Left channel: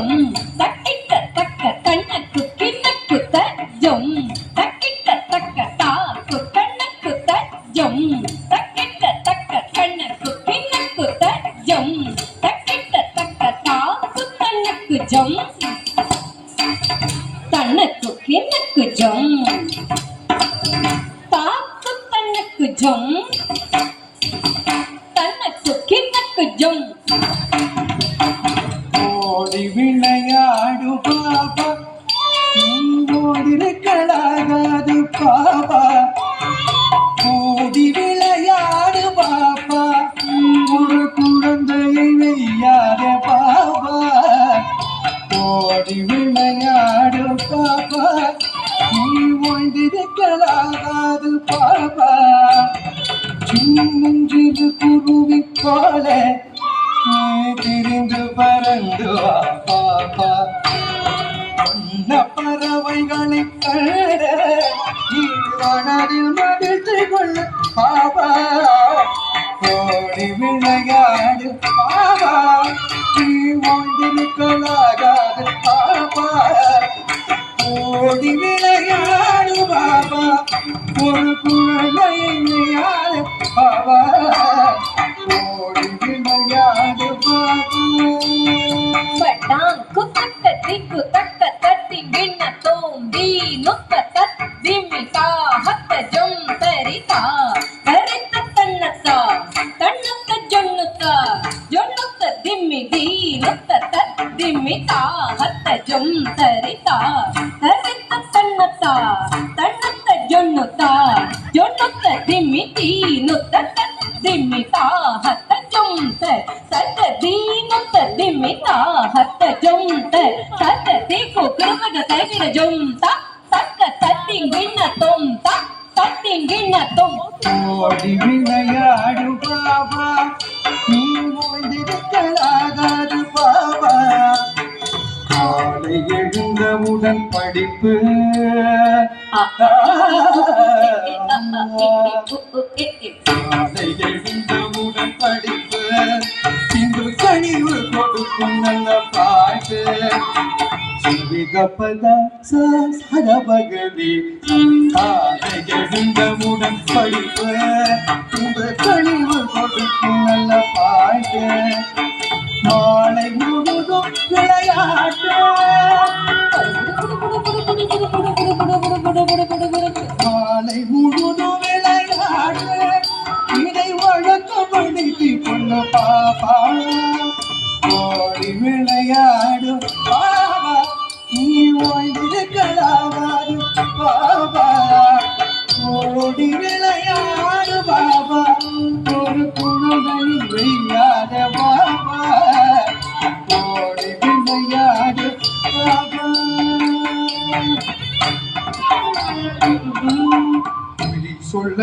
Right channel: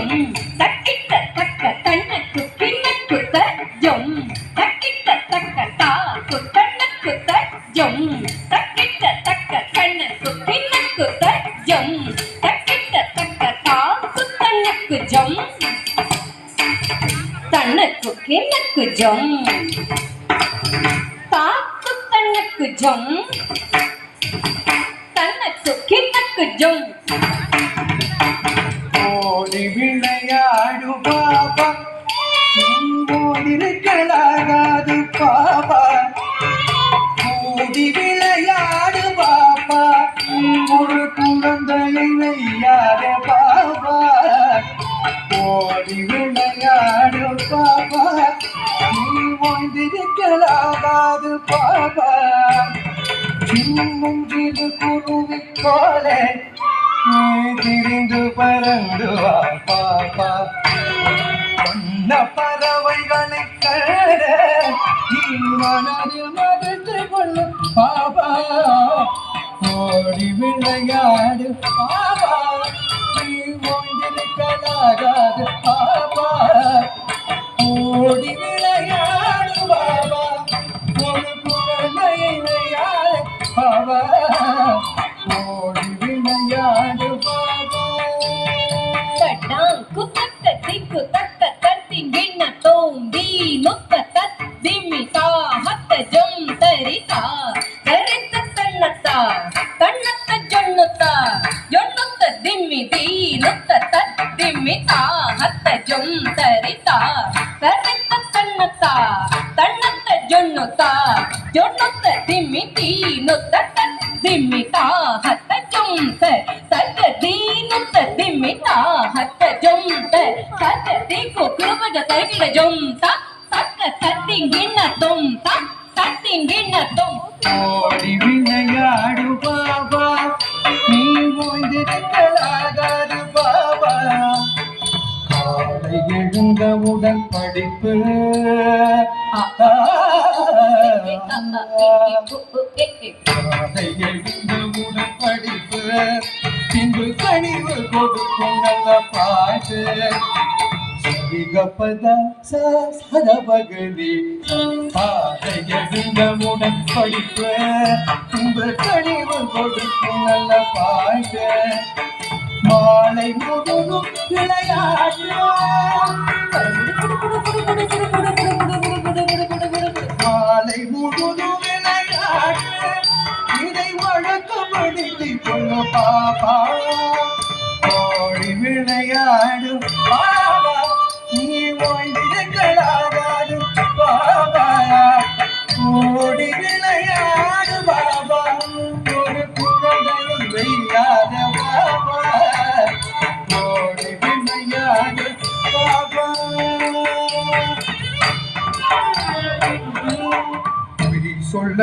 ஜொம் தக்கிட்ட தக்க தன்னக்கு கிண்ணக்கு ஜொம் தக்கிட்ட தக்க தா குத்தன்னக்கு ஜொம் தக்கிட்ட தக்க கண்ணக்கு கிண்ணக்கு ஜொம் தக்கிட்ட தக்க தா குத்தன்னக்கு ஜொம் தன்னக்கு கிண்ணக்கு ஜொம் தா குத்தன்னக்கு ஜொம் தன்னக்கு கிண்ணக்கு ஜொம் ஓடி விளையாடு பாபா ஓடிருக்கலாகாது பாபா ஓடி விளையாடு பாபா ஒரு குழந்தையை வெய்யாத பாபா ஓடி விளையாடு பாபா ஓய்ந்திருக்கலாகாது பாபா சின்னஞ்சிறு குருவி போல திரிந்து பறந்து பாப்பா பொன்ன பறவைகளை கட நீ மனதில் மடித்து கொள்ள பாபா ஓடி விளையாடு பாபா நீ ஓய்ந்திருக்கலாகாது பாபா ஓடி விளையாடு பாபா ஒரு குழந்தையை விளையாடு பாபா ஓடி விளையாடு பாபா பட்டாங் குத்தக்க திக்கு தக்க தத்திங்கிண்ண தோம்பி நுக்க தத்திமிதா ஹத்த ஜொம் தரிதா தரித்த தன்னத்தா தன்னத்த ஜொன்னுத்தா ஜொன்னுத்த திம்மிதி நுக்க தத்திமிதா ஹத்த ஜொம் தரிதா தரித்த தன்னத்தா தன்னத்த ஜொன்னுத்தா ஜொன்னுத்த திம்மிதி நுத்த திம்மிதா ஹத்த ஜொம் சத்த தீனுத்த திம்மிதா ஹத்த ஜொம் சத்த தீக்கு குருவக சைகிட ஜொம் தக்க தத்திங்கிண்ண தொம் தத்திங்கிண்ண தொம் ஓடி விளையாடு பாபா நீ ஓய்ந்திருக்கலாகாது பாபா காலை எழுந்தவுடன் படிப்பு காலை எழுந்தவுடன் படிப்பு இன்று கனிவு கொடுக்கும் நல்ல பாட்டு சிவிகப்பத சரபகவி காலை எழுந்தவுடன் படிப்பு இன்று கனிவு கொடுக்கும் நல்ல பாட்டு மாலை முழுதும் விளையாட்டு மாலை முழுதும் விளையாட்டு இதை வழக்கப்படுத்தி கொண்டு பாப்பா ஓடி விளையாடு பாபா நீ ஓய்ந்திருக்கலாகாது பாபா ஓடி விளையாடு பாபா ஒரு குழந்தையை வெய்யாத பாபா ஓடி விளையாடு பாபா சொல்ல